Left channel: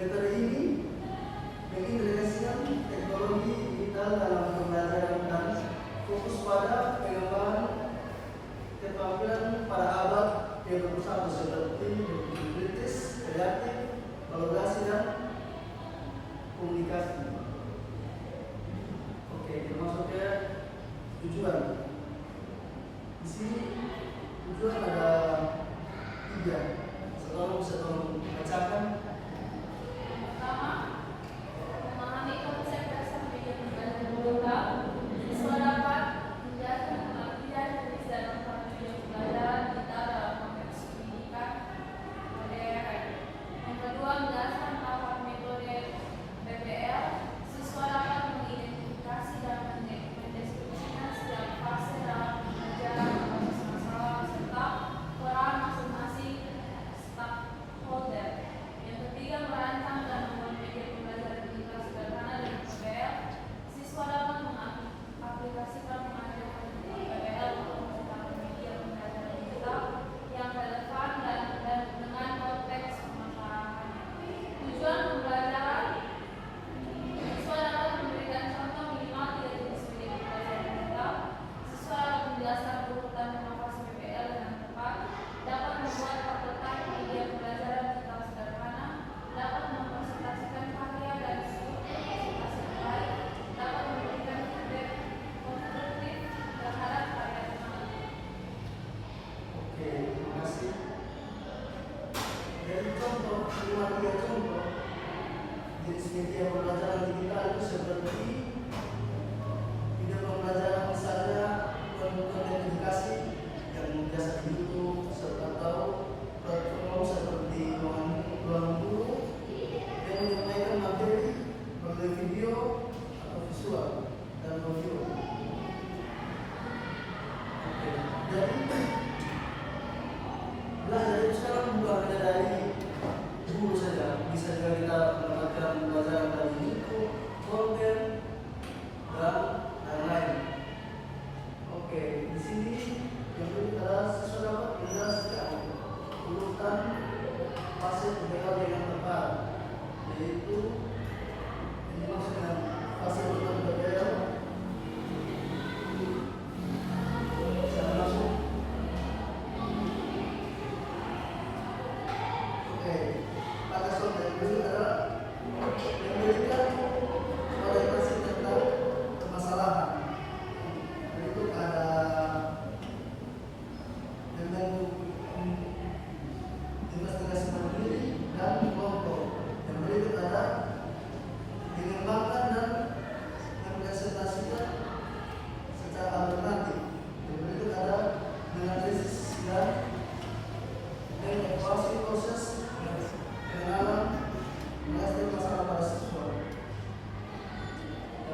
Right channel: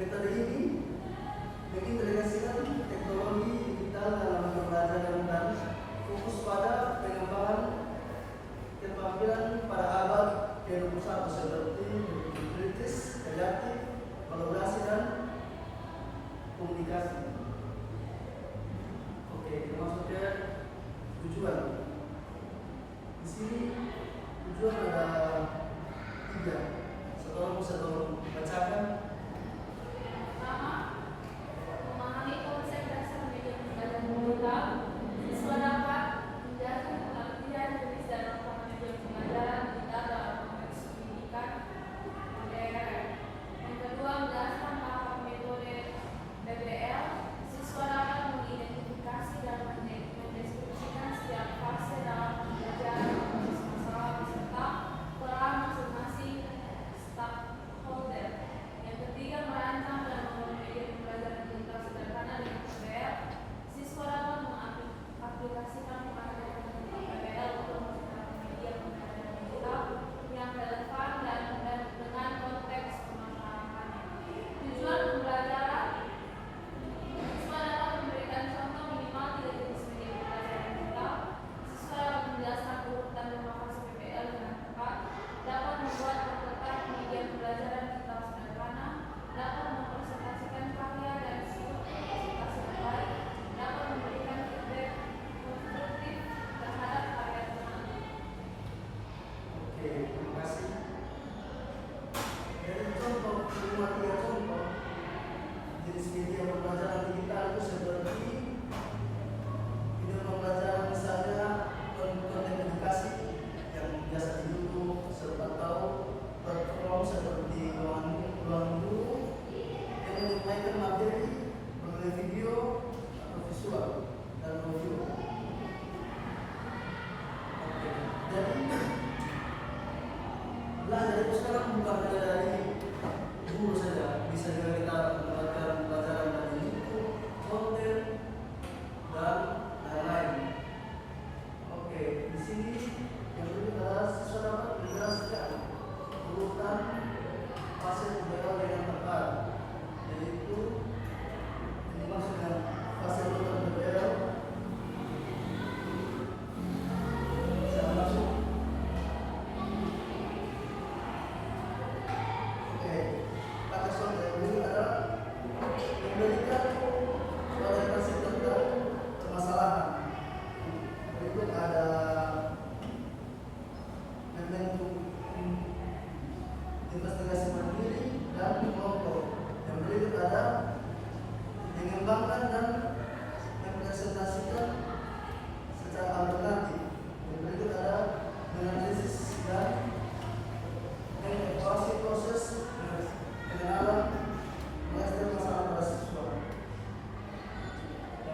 Metode ini mengintegrasikan teknologi digital dalam pembelajaran dan fokus pada pengembangan keterampilan pada abad ke-21 seperti berpikir kritis, kreatif, kolaborasi dan komunikasi. Oke, kita masuk ke tujuan. Di sini tujuan ada 3. Seorang bisa tolong bacakan. Pertama, memahami konsep dasar media pembelajaran digital. Siswa dapat menjelaskan pengertian jenis dan manfaat media pembelajaran digital dalam konteks pendidikan modern. Yang kedua, menjelaskan tahapan metode PPL. Siswa dapat mengidentifikasi dan mendeskripsikan setiap fase dalam pembelajaran berbasis masalah serta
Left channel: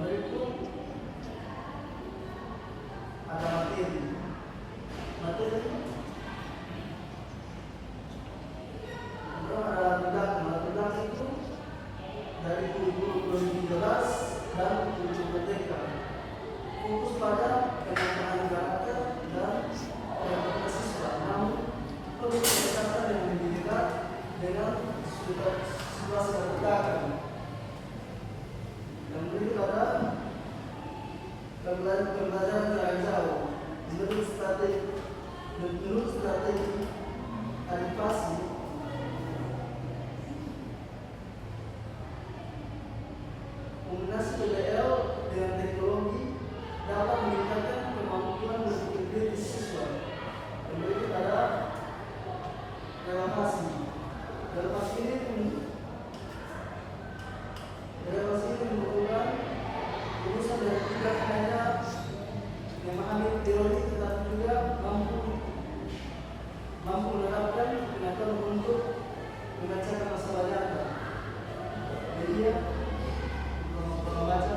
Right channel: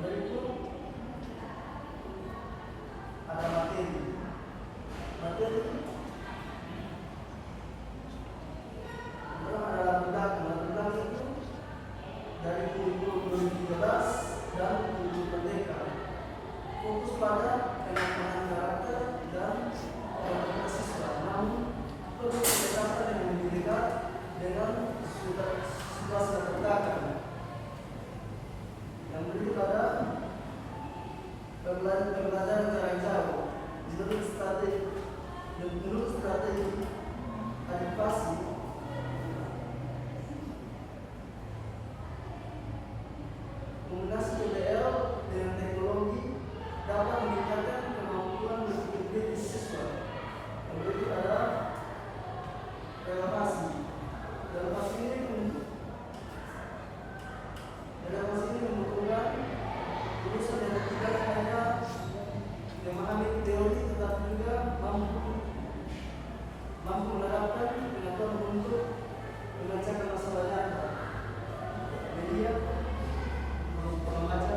Dari itu ada materi. Kemudian ada undang itu dari kurikulum 2013 dan kurikulum merdeka. Fokus pada pengembangan karakter dan kreativitas siswa, namun perlu pendekatan yang lebih dekat dengan situasi terdekat. Yang berikut ada pembelajaran jarak jauh menurut strategi adaptasi. Kombinasi PDL dengan teknologi dapat meningkatkan kemampuan berpikir kritis siswa. Yang berikut ada relevasi. Relevasi ini membutuhkan urusan yang tidak hanya memahami teori tetapi juga mampu menerapkan pengetahuan untuk memecahkan masalah nyata. Media membaca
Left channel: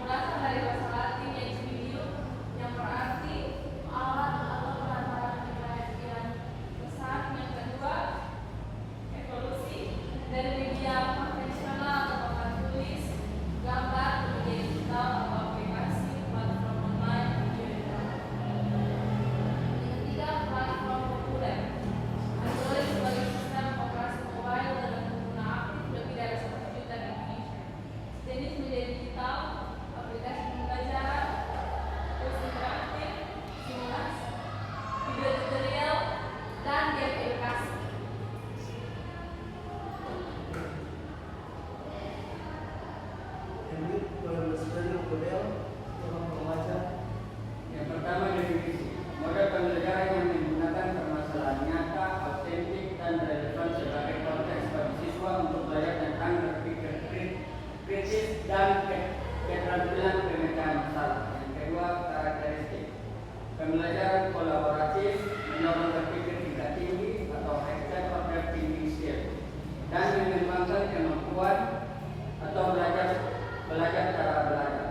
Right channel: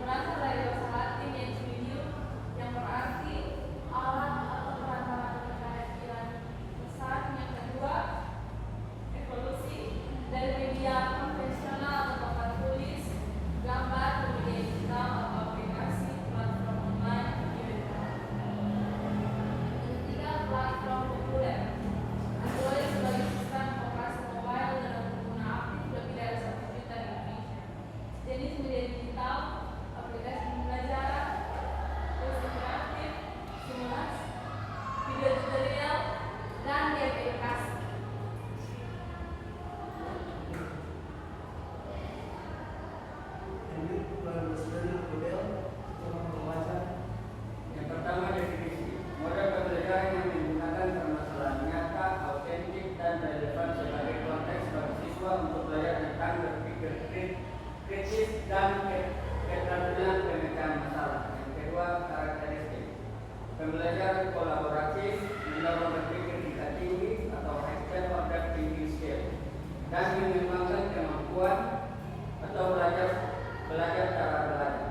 berasal dari bahasa Latin yaitu video, yang berarti alat atau perangkat penyajian pesan. Yang kedua, evolusi dari media konvensional atau papan tulis, gambar, media digital atau aplikasi, platform online, video dan yang ketiga, platform populer. Android sebagai sistem operasi mobile dengan pengguna aktif lebih dari 1 juta di Indonesia. Jenis media digital, aplikasi pembelajaran, kursus interaktif, simulasi, video tutorial, dan game edukasi. ini dalam belajar model orang membaca. Yang pertama, definisi model pembelajaran yang menggunakan permasalahan nyata, autentik, dan relevan sebagai konteks bagi siswa untuk belajar tentang berpikir kritis dan keterampilan pemecahan masalah. Yang kedua, karakteristik pembelajaran kolaboratif mendorong berpikir tingkat tinggi atau high order thinking skill dan mengembangkan kemampuan atau belajar cara belajar.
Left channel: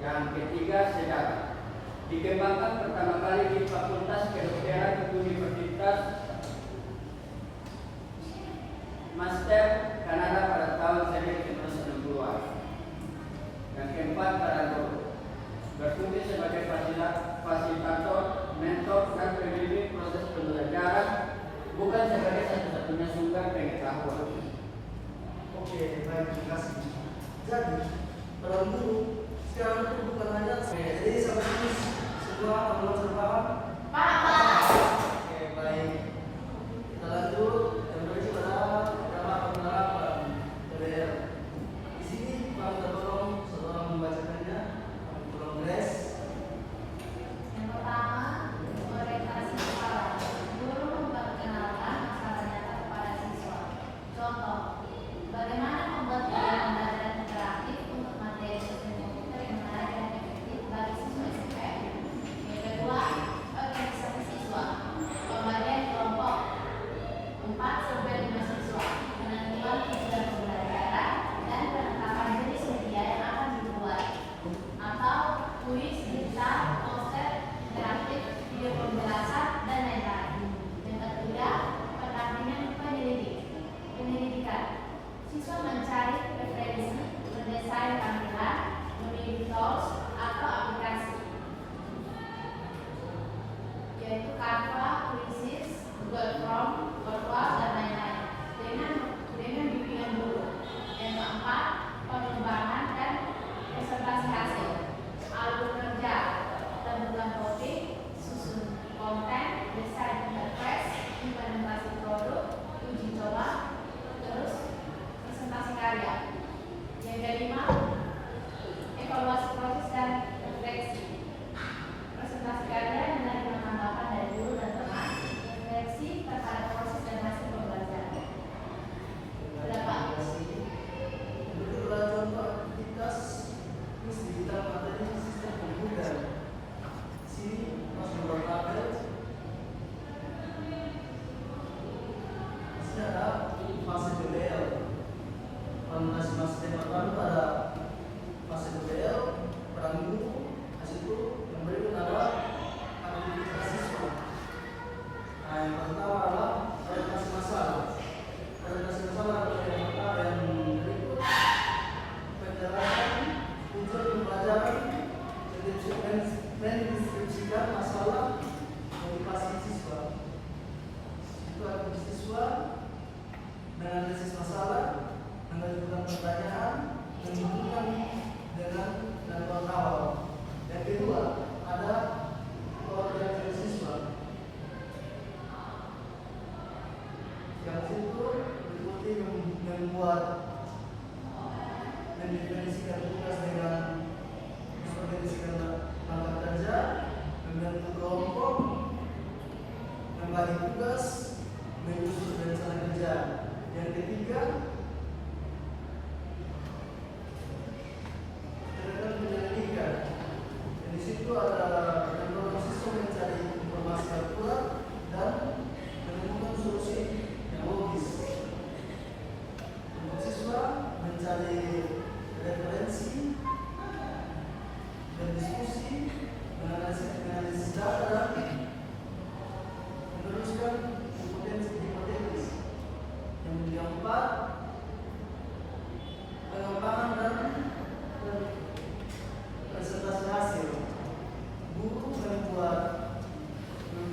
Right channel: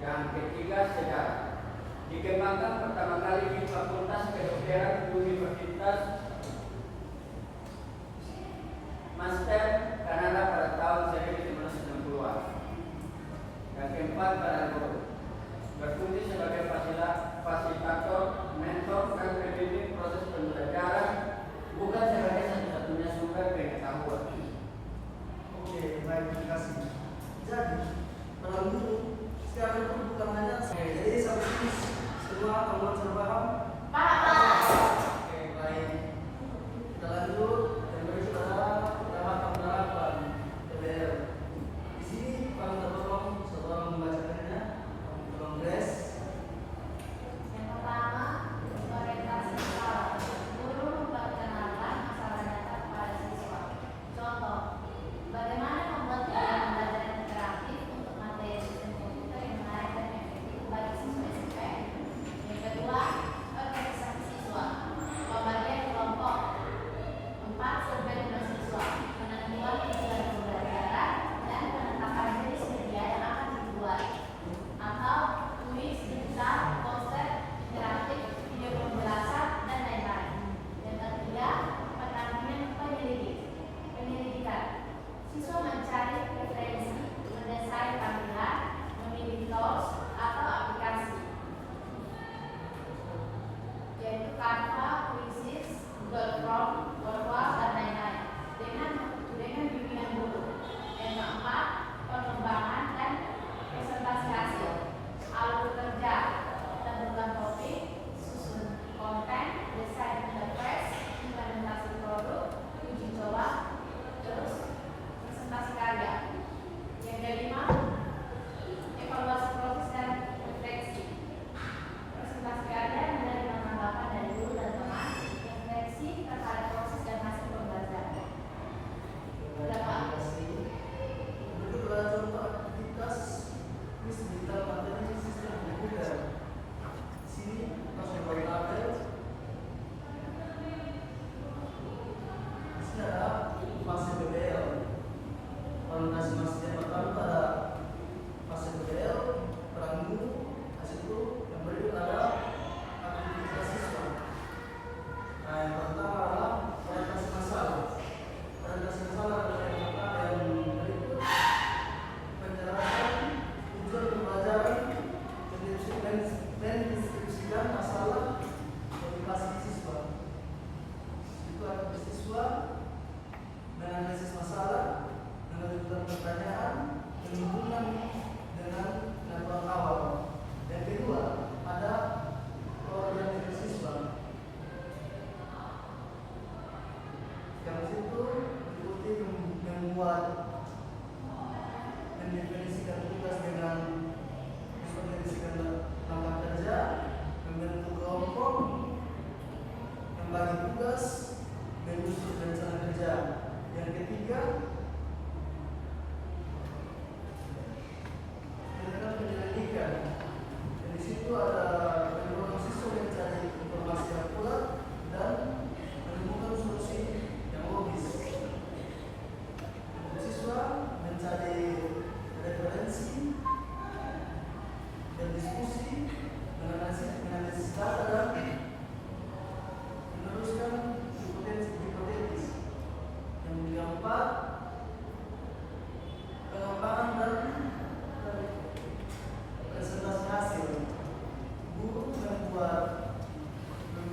Yang ketiga, sejarah dikembangkan pertama kali di Fakultas Kedokteran Universitas Master Kanada pada tahun 1960-an. Yang keempat, pedagogi berfungsi sebagai fasilitator, mentor, dan pembimbing proses pembelajaran, bukan sebagai satu-satunya sumber pengetahuan. Oke, baik, terima kasih. Jadi, pada umum sekarang itu bukan hanya jadi sampai sini semua kamu terpaham? Oke, baik. Kita lanjut. Yang berikut adalah penerapan PBL. Di sini kami tolong seorang membacakannya. Kami tolong Grace. Yang pertama, orientasi kepala. Guru memperkenalkan masalah nyata kepada siswa. Contoh, bagaimana membuat pembelajaran interaktif untuk materi sistem komputer yang menarik dan efektif bagi siswa SMP. Yang kedua, organisasi siswa. Pembagian kelompok. 4. Survei dengan siswa. Penentuan tujuan pembelajaran dan penetapan jenis media yang akan dibuat. Atau kuis, cerita, poster, interaktif, video pemjelasan, dan lain-lain. Yang ketiga, pendampingan penyelidikan. Siswa mencari referensi, mendesain tampilan, memilih tools atau aplikasi, yaitu Canva, Quizzes, Google Chrome, Word, dan lain-lain, dengan bimbingan guru. Yang keempat, pengembangan dan presentasi hasil, alur kerja, tentukan topik, susun konten, desain interface, implementasi produk, uji coba, terus presentasi karya. pertanyaan menghubungkan dengan jadwal awal. Yang kedua, ada koordinasi siswa. Yang situ meliputi membuat mendefinisikan tugas dengan mendefinisikan langkah kerja, membentuk kelompok, membagi tugas, menyusun rencana kerja. Yang ketiga, tentang penyelidikan. Dan di situ ada siswa mencari informasi yang akurat dan menemukan solusi yang logis. Siswa mencari referensi, berdiskusi, menganalisis data, meneruskan hipotesis. Yang keempat, pengembangan dan presentasi hasil. Guru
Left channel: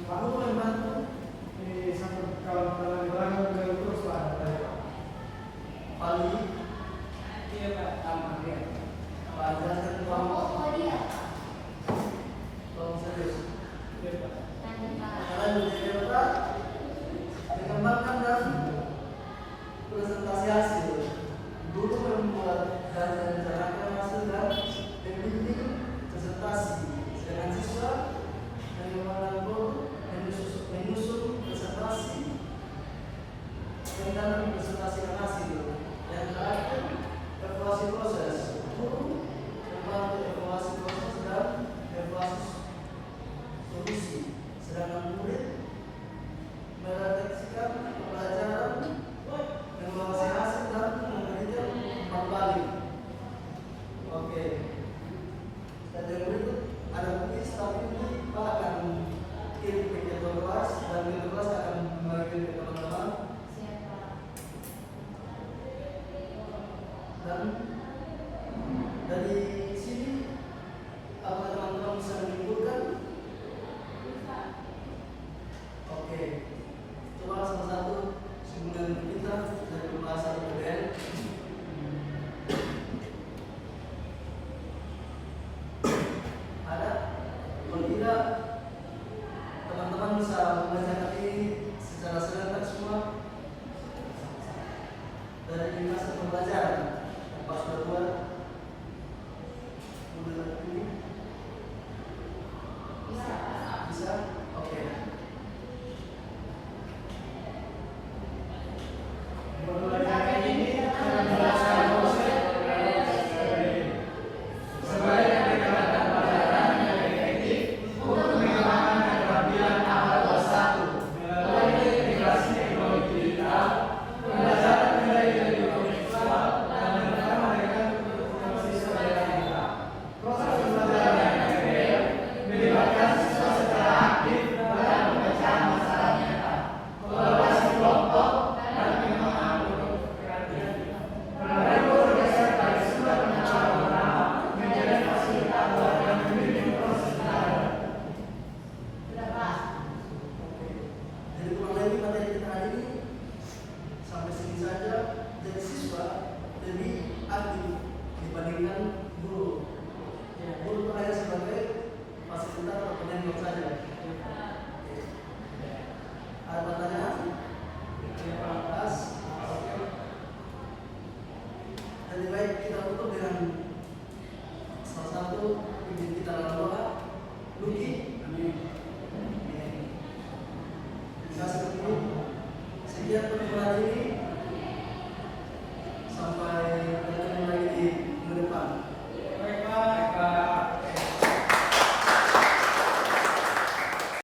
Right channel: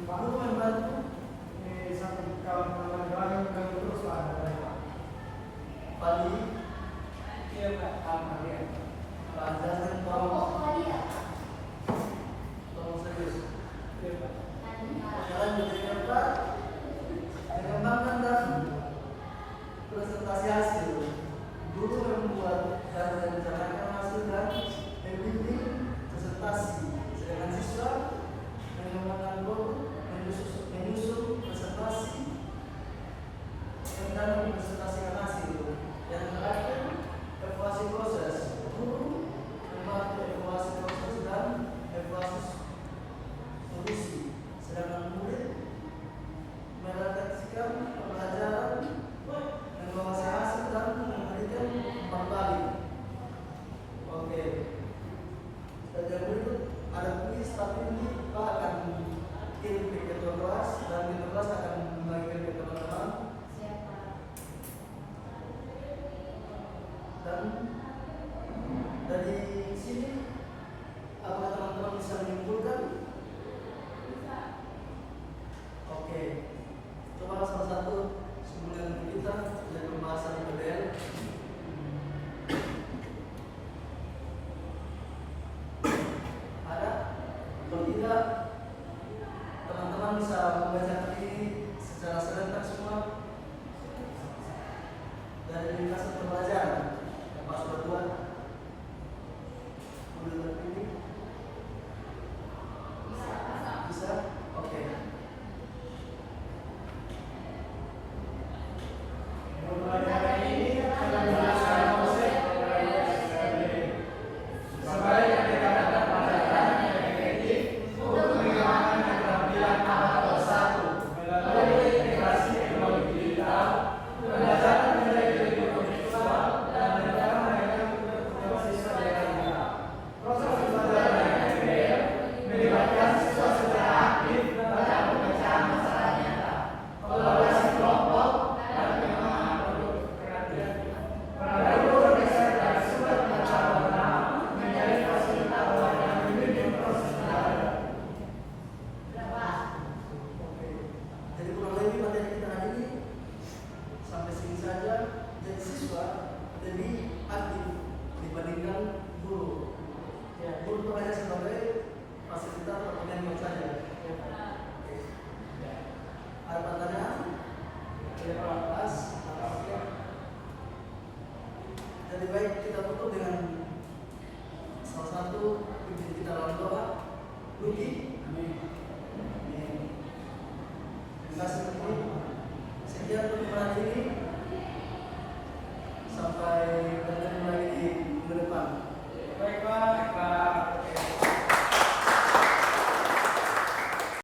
membantu Ini sampai kalau pengembangan dari terus pada Pali, Iya Pak, sama dia. pelajaran Kelompok kelompok, waria. tolong serius. Iya Pak. Lanjut Pak. Jalan yang keempat, mengembangkan dan presentasi hasil. Guru membuat dan merencanakan hasil dan membimbing presentasi. Sedangkan siswa mengembangkan guru menyusun presentasi dan presentasi hasil. Yang terakhir, evaluasi proses. Guru membantu evaluasi proses dan evaluasi solusi. Sedangkan murid merefleksikan pembelajaran, mengevaluasi hasil dan memberikan umpan balik. Oke. Dan yang berikut ada kuis, tapi ini Pak akan kirim ke ketua kelas dan ketua kelas akan membagikan ke teman-teman. Siapa? Dan dari sini apakah teman-teman bisa menyimpulkan? Oke, coba salah satu sebelum kita dari pembahasan PBN. Ada? Kalau tidak, teman-teman bisa membacakan ini secara serentak semua dari lintasan pembelajaran yang Pak sudah buat. Modul ini